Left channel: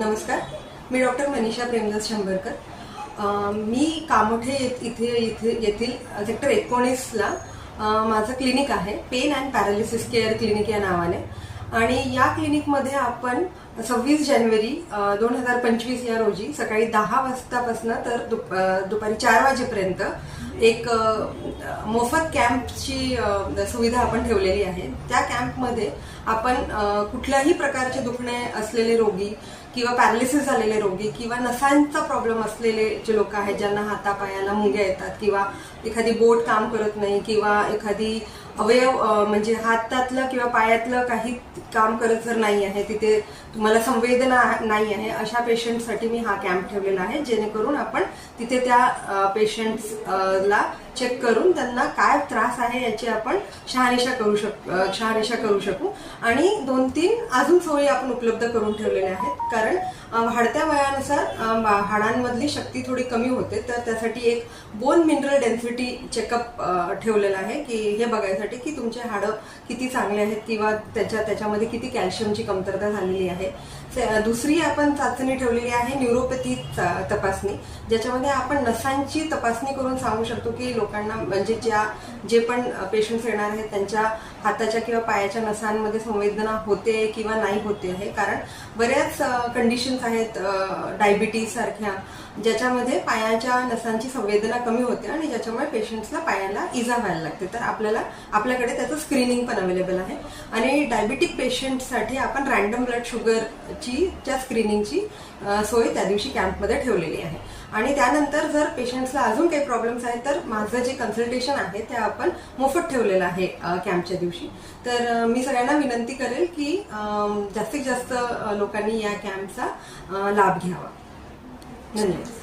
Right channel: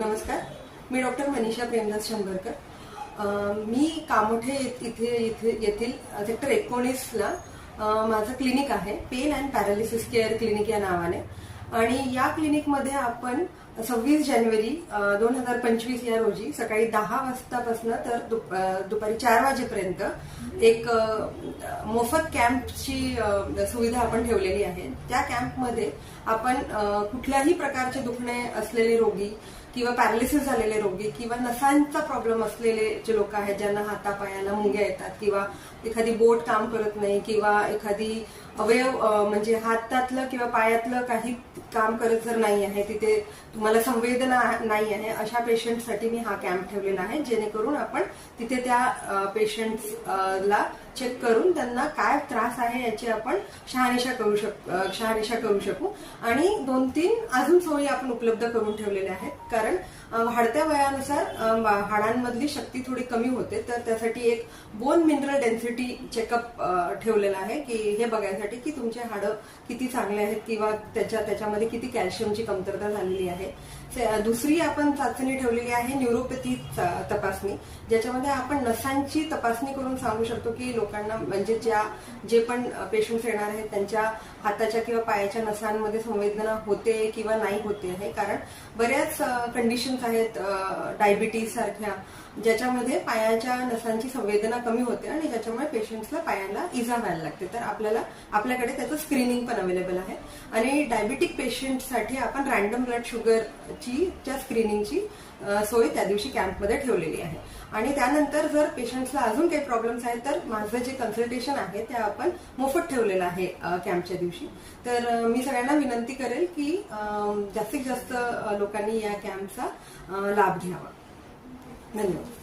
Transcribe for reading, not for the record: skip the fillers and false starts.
नमस्कार, मी डॉक्टर मनीषा प्रेमदास शंभरकर. मी कामोठे येथील सेक्टर 19ला माझं क्लिनिक आहे, pain and paralysis care clinic या नावाने. आणि या क्लिनिकमध्ये आपण 26 जानेवारी 2025 या रोजी सकाळी 10 वाजतापासून तर दुपारी 4 वाजेपर्यंत एक मोफत कॅम्पची सुविधा आपण ठेवलेली आहे. त्या कॅम्पमध्ये आपण कुठल्याही प्रकारचे दुखणे असलेले रोगी किंवा पॅरालिसिस झालेले रोगी किंवा नसांचा प्रॉब्लेम असलेले जे लोक आहेत, ज्यांना हातापायाला मुंग्या येतात किंवा एखादी बोट काम करत नाही किंवा एखादी अवयव म्हणजे हातातलं किंवा पायातलं काही काम करत जर नाही आहे, तिथे तुम्हाला संवेदना नाही आहे, अशा पेशंटसाठी मी हा कॅम्प ठेवलेला आहे. जेणेकरून आपण तिथे त्या पेशंट्सला चेक करून त्यांना काय त्रास आहे याची आपण शहानिशा करू शकू. आणि 2-3 अजून सोयी आपण उपलब्ध करून ठेवलेल्या आहेत. कारण वाढत्या वयानुसार हाडांमधली शक्ती थोडी कमी होते, तर त्यासाठी एक बोन मिनरल डेन्सिटी चेकअप ठेवलेला आहे की हे बघायसाठी की तुमचे हाडं किती चांगले आहेत किंवा त्याच्यामध्ये किती कॅल्शियमची कमतरता झालेली आहे. दुसरी आपण चाचणी ठेवलेली आहे न्यूरोपॅथी तपासणी, ज्याच्यामध्ये आपण नसांची तपासणी करून सांगू शकतो की लोकांना म्हणजे जे पण पेशंट्स येणार आहेत त्यांच्या हाताच्या किंवा पायाच्या नसांमध्ये संवेदना होते किंवा नाही होते आहे. कारण बऱ्याच कंडिशन्स आहेत डायबिटीज सारख्या, ज्याच्यामध्ये पायाच्या नसांची संवेदना कमी होते आणि ज्याच्यामुळे पेशंट्सला पायाला इजा व्हायला लागते. तर आपल्याकडे त्याचं स्क्रीनिंग पण अवेलेबल आहे. आणि डायबिटिक पेशंटसाठी आपण रँडम ब्लड शुगरची स्क्रीनिंगची सोय त्या दिवशी कॅम्पमध्ये ठेवलेली आहे. आणि त्यानंतर जर पेशंट्सला अजून काही प्रॉब्लेम्स आहेत तर माझं जे कन्सल्टेशन आहे ते आपण मोफत ठेवलेलं आहे कॅम्पच्या दिवशी. तर मी सगळ्यांना विनंती करेल की जास्तीत जास्त लोकांनी या कॅम्पचा लाभ घ्यावा. धन्यवाद.